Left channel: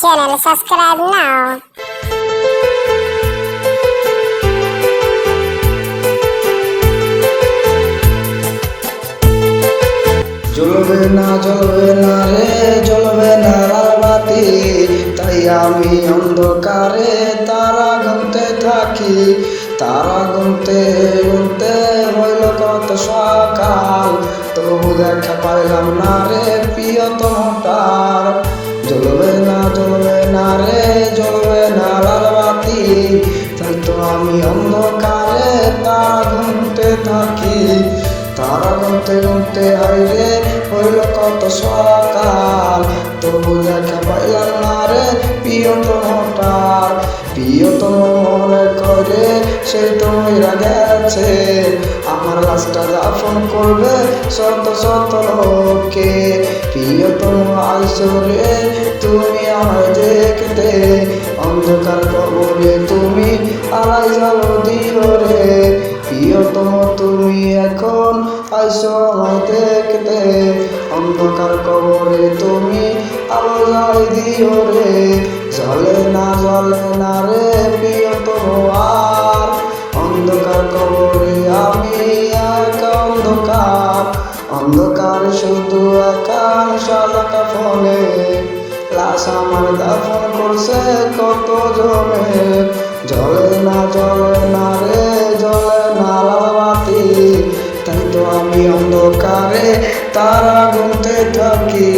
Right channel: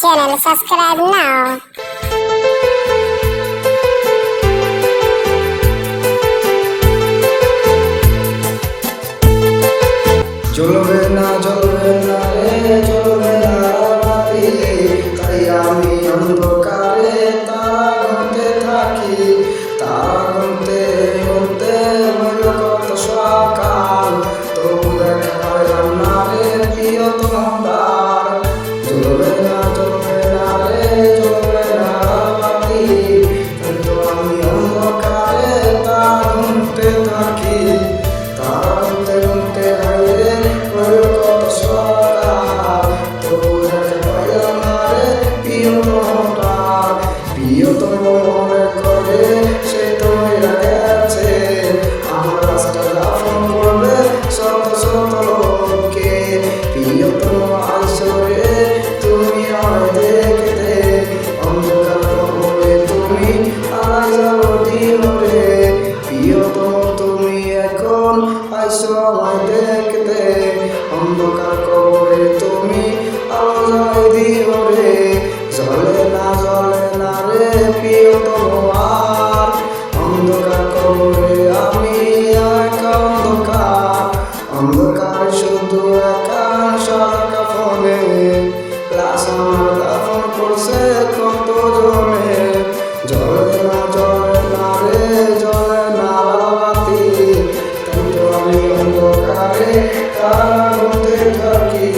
channel, subscribe now. অন্ধকারে তারা গুনতে থাকি, তারা গুনতে গুনতে হইল কত সকাল, তবু দেখা পাইলাম না রে প্রিয়তমার। জ্বলবে না রে জ্বলবে না লালবাতি, তাই তো আমি অন্ধকারে তারা গুনতে থাকি, তারা গুনতে গুনতে হাইরে হইল কত সকাল, তবু দেখা পাইলাম না রে প্রিয়তম মনে করে সে তো মেরা গেছে, আমার লাশটা দাফন করবে শত শত লোকে। প্রিয়তম আইসরে তুমি আমায় দেখতে, অন্ধকার কবরে তুমি আলো দিও রে। প্রিয়তম তুমি এখন আইসো আমায় দেখতে, অন্ধকার কবরে তুমি আলো দিও রে। জ্বলে না রে প্রিয়তম আর, অন্ধকার কবরে আমি একা অন্ধকার, অন্ধকার শুধু একা সারা কাফনে, লাশ আমার দাফন করছে কত জনে। জ্বলে না রে জ্বলে না লালবাতি, তাই তো আমি অন্ধকারে তারা গুনতে থাকি,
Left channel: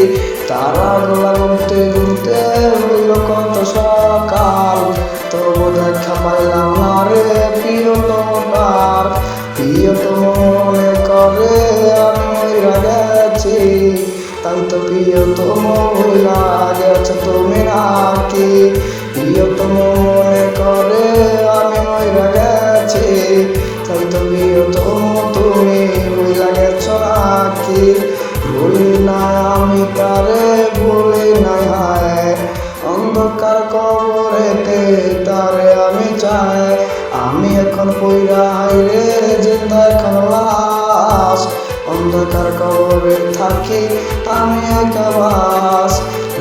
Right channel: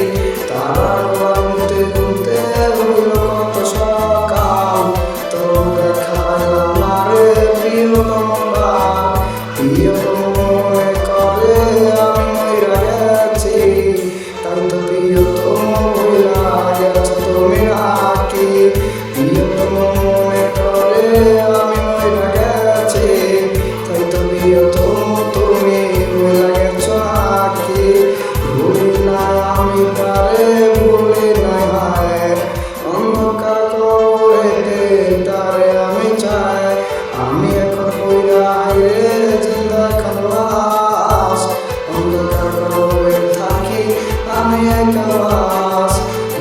তারা গুনতে গুনতে হইল কত সকাল, তবু দেখা পাইলাম না রে প্রিয়তমার। প্রিয়তম মনে করে আমি মইরা গেছি, তাই তো প্রিয়তম হইলা গেছে তুমি নাকি। প্রিয়তম মনে করে আমি মইরা গেছি, তাই তো প্রিয়তম তুমি হইলা গেছো নাকি। ভুলি না আমি তারে ভুলি না, অন্ধকার কবরেতে তারে আমি চাই। আমি এখন কইরা হাইরে জিন্দা এখন লাশ, অন্ধকার কবরে থাকি আমি একা লাশ।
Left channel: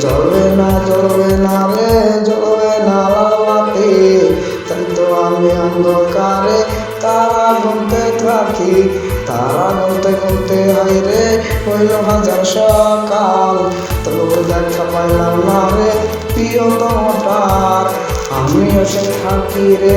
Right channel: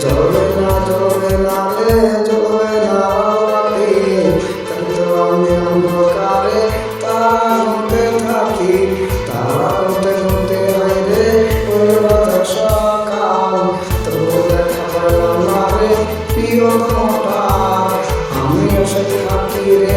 জ্বলবে না রে জ্বলবে না লালবাতি, তাই তো আমি অন্ধকারে তারা গুনতে থাকি, তারা গুনতে গুনতে হাইরে হইল বাজার সকাল, তবু দেখা পাইলাম না রে প্রিয়তমার। আমি বসে থাকি রে